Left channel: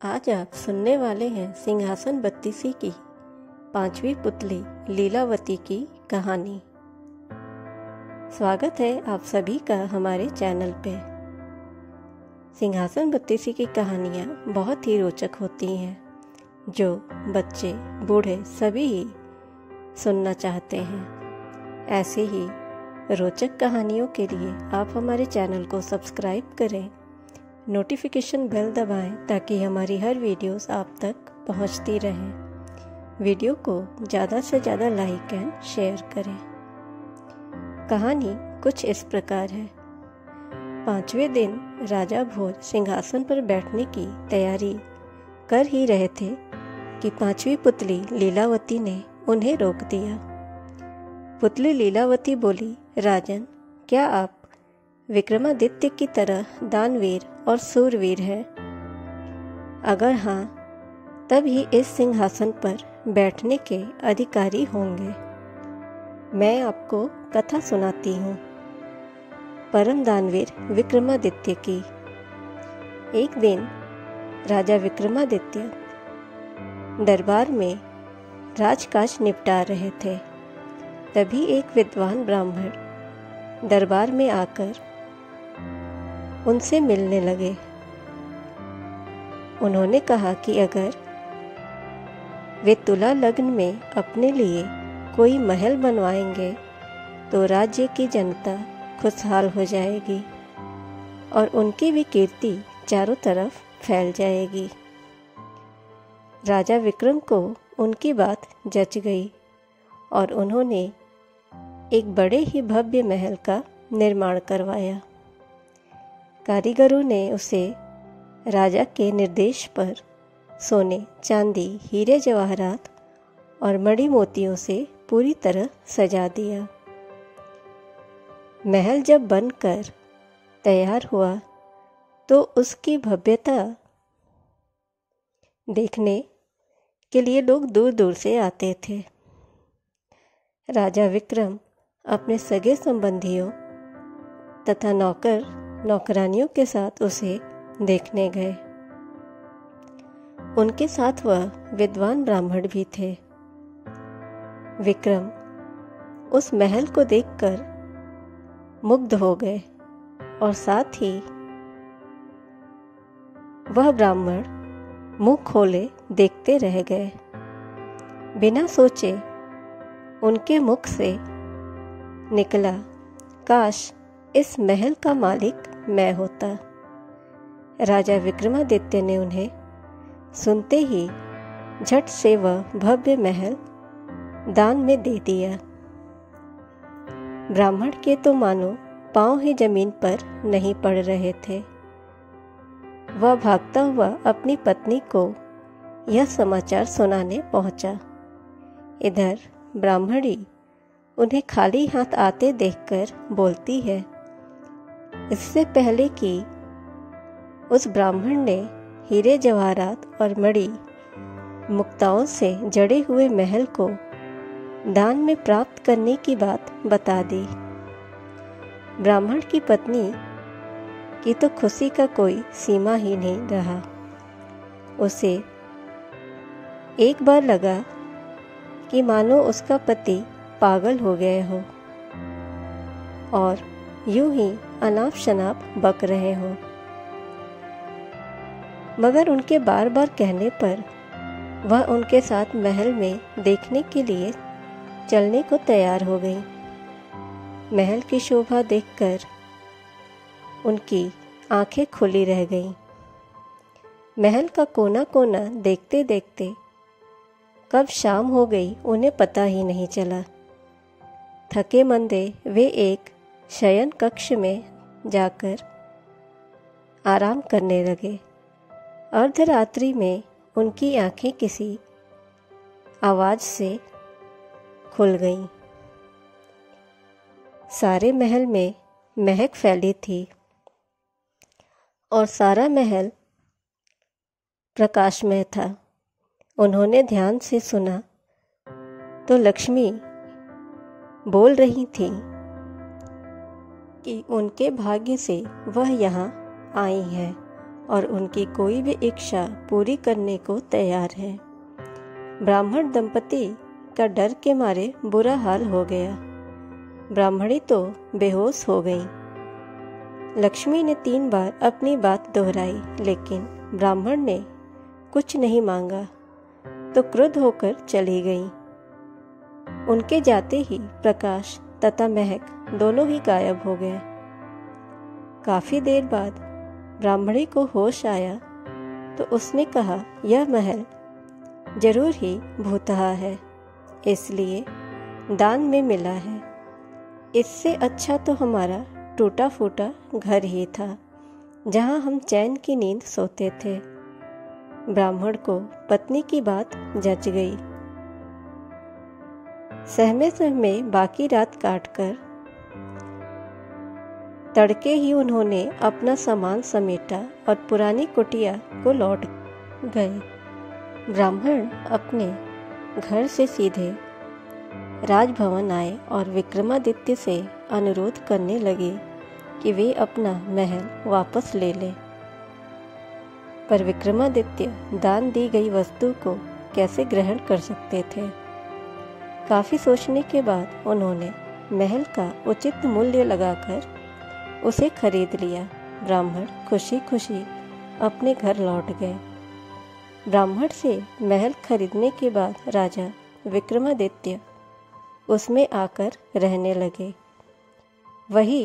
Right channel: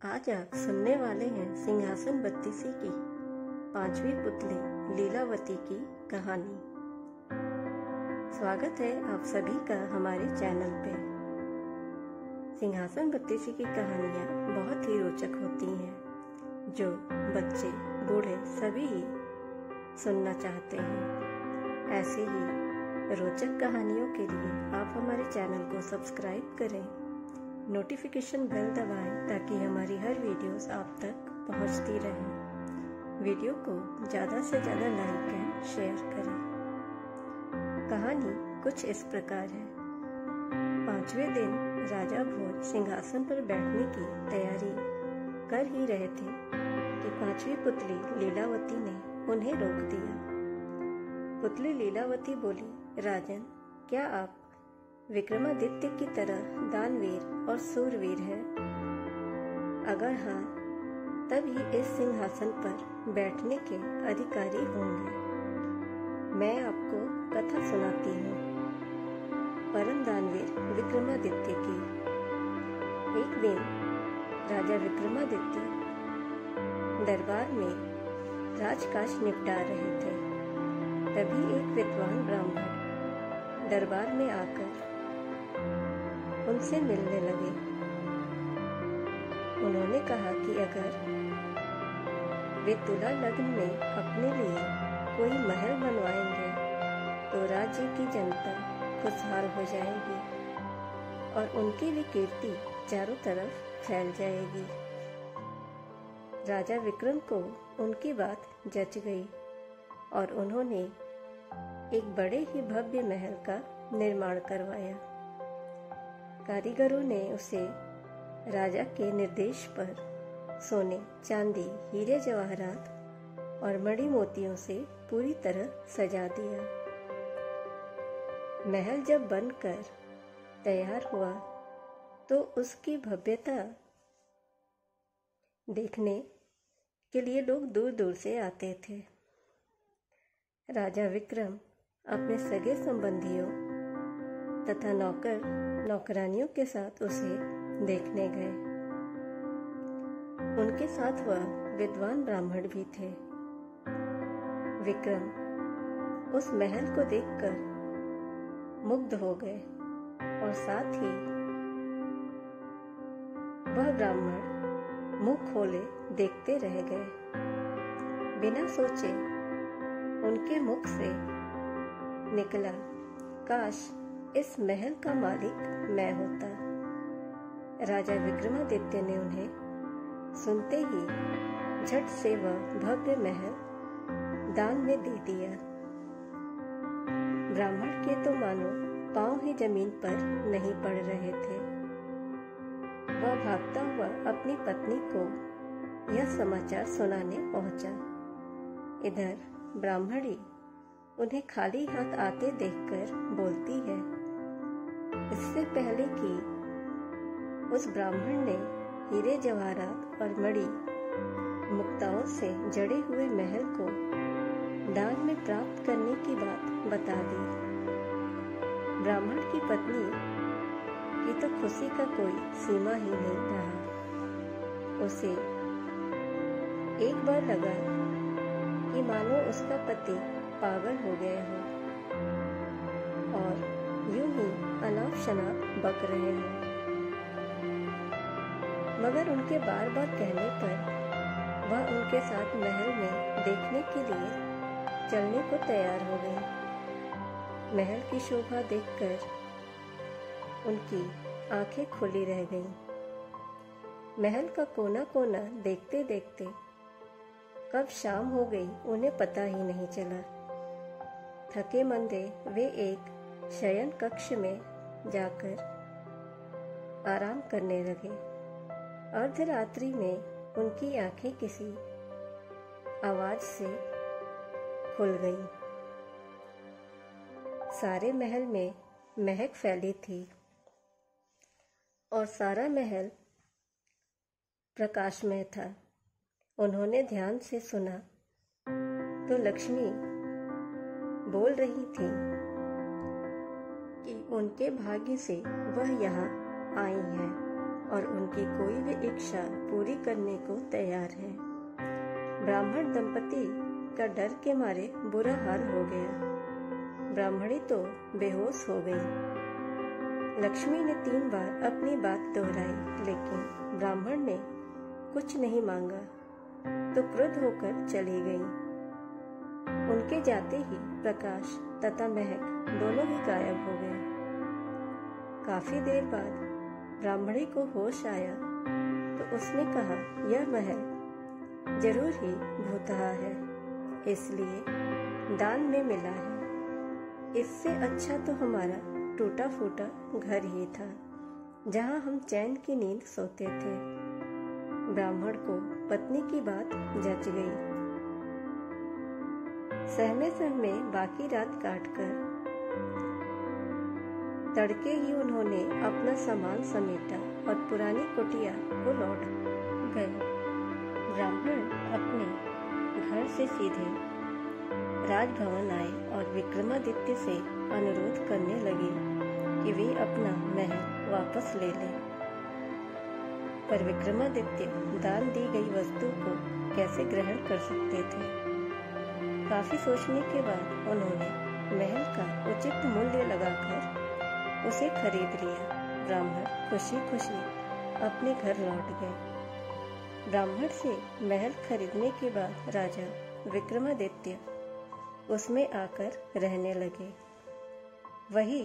आज आप सुनने वाले हैं सिंहासन बत्तीसी की 5वीं पुतली लीलावती की कहानी। स्वागत है आप सभी का हमारे चैनल पे। सिंहासन बत्तीसी की कहानियाँ बहुत ही रोचक होती हैं, जो बच्चे बूढ़े सभी ही सुनना चाहते हैं। ऐसे ही रोचक कहानियों के लिए आप हमारे चैनल को सब्सक्राइब करें, नोटिफिकेशन बेल दबाएं ताकि हमारी हर वीडियोस आप तक पहुंचती रहें। वीडियो को ज़्यादा से ज़्यादा लाइक एंड शेयर करें। कहानी कुछ इस प्रकार है। 5वें दिन राजा भोज सिंहासन पर बैठने की तैयारी कर ही रहे थे कि 5वीं पुतली लीलावती ने उन्हें रोक दिया। पुतली लीलावती बोली, राजन, क्या आप विक्रमादित्य की तरह दानवीर और सूरवीर हैं? अगर हाँ, तब ही इस सिंहासन पर बैठने के अधिकारी होंगे। मैं आपको कथा सुनाती हूँ परम दानवीर विक्रमादित्य की। एक दिन राजा विक्रमादित्य दरबार में राजकाज निपटा रहे थे। तभी एक विद्वान ब्राह्मण दरबार में आकर उनसे मिलने लगे। उन्होंने कहा कि अगर वे तुला लग्न में अपने लिए कोई महल बनवाएंगे तो राज्य की जनता खुशहाल हो जाएगी और उनकी भी कीर्ति चारों तरफ फैल जाएगी। राजा विक्रम को उनकी बात जच गई और उन्होंने एक बड़े ही भव्य महल का निर्माण करवाया। कारीगरों ने उसे राजा के निर्देश पर सोने, चांदी, हीरे जवाहरात और मणि मोतियों से पूरी तरह सजा दिया। महल जब बनकर तैयार हुआ तो उसकी भव्यता देखने के लिए लोग दूर दूर से आते थे। राजा विक्रम अपने सगे संबंधियों तथा नौकरानियों के साथ उसे देखने गए। उनके साथ वह विद्वान ब्राह्मण भी थे। विक्रम उस महल को देखकर मुग्ध हो गए और साथ ही वह ब्राह्मण मुंह खोले देखते रह गए। बिना सोचे उनके मुख से निकला, काश इस महल का मालिक मैं होता। राजा विक्रमादित्य ने उन्हें सुनते ही झट से वह भव्य महल दान में दे दिया। ब्राह्मण के तो मानो पांव ही जमीन पर नहीं पड़ रहे थे। वह भागता हुआ अपनी पत्नी को यह समाचार सुनाने पहुंचा। इधर ब्राह्मणी उन्हें खाली हाथ आते देखकर बोलती है। इससे पहले कि उस ब्राह्मण ने हीरे जवाहरात और मणि मुक्ताओं से जड़े हुए महल को दान में प्राप्त करने की बात बता दी। ब्राह्मण की पत्नी की तो खुशी का कोई सीमा ही नहीं रहा। उसे एक बार लगा कि मानो उसका पति पागल हो गए हो और यूं ही अनाप शनाप बक रहे हो। मगर उनके बार बार कहने पर वह उनके साथ महल में देखने के लिए चलने को तैयार हो गई। महल की शोभा देखकर उनकी आंखें खुली रह गईं। महल का कोना कोना देखते देखते कब शाम हो गई उन्हें पता ही नहीं चला। थके मंदे वे एक शयन कक्ष में जाकर आराम करने लगे। अर्धरात्रि में उनकी आंखें किसी आवाज से खुल गईं। सारे महल में महक फैली थी और सारा महल प्रकाशमय था। उन्होंने ध्यान से सुना तो लक्ष्मी बोल रही थी कि उनके भाग्य से वह यहाँ आई हैं और उनकी कोई भी इच्छा पूरी करने को तैयार है। ब्राह्मण दंपति का डर के मारे बुरा हाल हो गया। ब्राह्मणी तो बेहोश हो गई। लक्ष्मी ने 3 बार अपनी बात दोहराई, लेकिन ब्राह्मण ने कुछ नहीं मांगा तो क्रुद्ध होकर चली गई। उनके जाते ही प्रकाश तथा महक दोनों ही गायब हो गए। काफी देर बाद ब्राह्मणी को होश आया तो उसने कहा, यह महल जरूर ही भूतहा है, इसलिए दान में मिला है। इससे अच्छा तो हमारा टूटा फूटा घर ही था, जहां हम चैन की नींद सोते थे। ब्राह्मण को पत्नी की बात जच गई। सहमे सहमे बाकी रात काटकर तड़के ही उन्होंने अपना सामान समेटा और पुरानी कुटिया को लौट गए। ब्राह्मण अपने घर से सीधे राजभवन आए और विक्रमादित्य से अनुरोध करने लगे कि वे अपना महल वापस ले लें। पर विक्रमादित्य दान दी गई वस्तु को कैसे ग्रहण कर सकते थे। काफी सोचने के बाद उन्होंने महल का उचित मूल्य लगाकर उसे खरीद लिया। ब्राह्मण खुशी खुशी अपने घर लौट गए। ब्राह्मण से महल खरीदने के बाद राजा विक्रमादित्य उसमें आकर रहने लगे। वही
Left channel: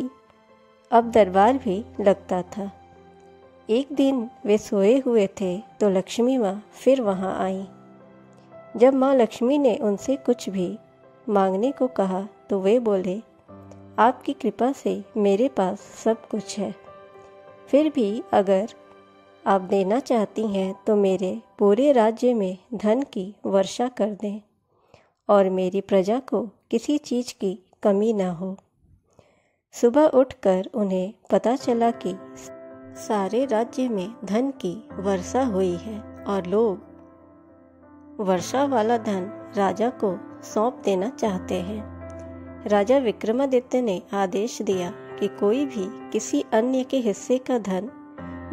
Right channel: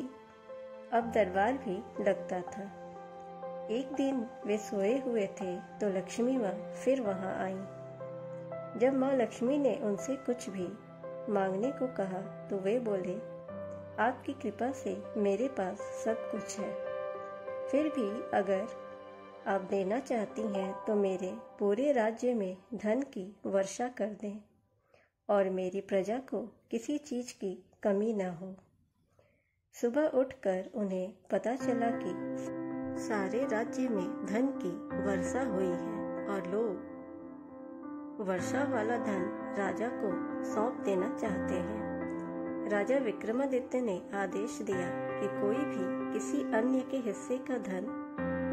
अब दरबार भी लगता था। एक दिन वे सोए हुए थे तो लक्ष्मी माँ फिर वहाँ आई। जब माँ लक्ष्मी ने उनसे कुछ भी मांगने को कहा तो वे बोले, आपकी कृपा से मेरे पास सब कुछ है। फिर भी अगर आप देना चाहती हैं तो मेरे पूरे राज्य में धन की वर्षा कर दें और मेरी प्रजा को किसी चीज़ की कमी न हो। सुबह उठकर उन्हें पता चला कि सारे राज्य में धन की वर्षा हुई है और लोग वर्षा वाला धन राजा को सौंप देना चाहते हैं। राजा विक्रमादित्य ने आदेश दिया कि कोई भी किसी अन्य के हिस्से का धन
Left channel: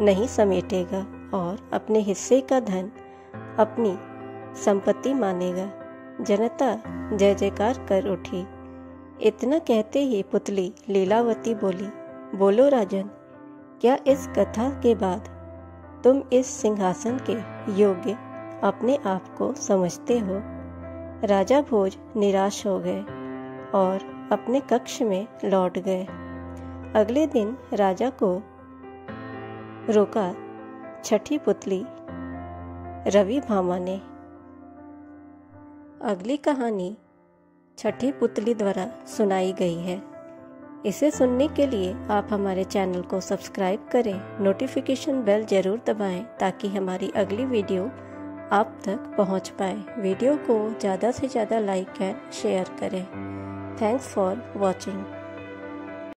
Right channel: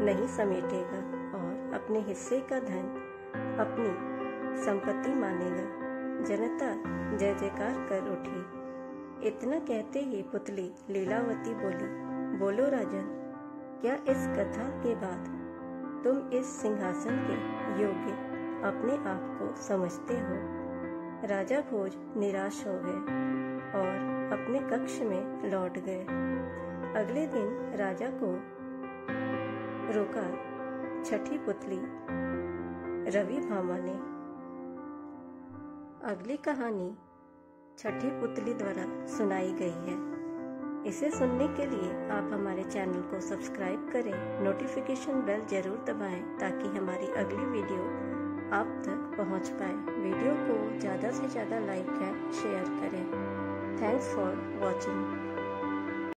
नहीं समेटेगा और अपने हिस्से का धन अपनी संपत्ति मानेगा। जनता जय जयकार कर उठी। इतना कहते ही पुतली लीलावती बोली, बोलो राजन, क्या इस कथा के बाद तुम इस सिंहासन के योग्य अपने आप को समझते हो? राजा भोज निराश हो गए और अपने कक्ष में लौट गए। अगले दिन राजा को रोका छठी पुतली रवि भामा ने। अगली कहानी छठी पुतली द्वारा सुनाई गई है। इसे सुनने के लिए आप हमारे चैनल को सब्सक्राइब करें, नोटिफिकेशन बेल जरूर दबाएं ताकि हमारी अगली वीडियो आप तक पहुंच पाए। वीडियो को ज़्यादा से ज़्यादा लाइक एंड शेयर करें। Thanks for watching.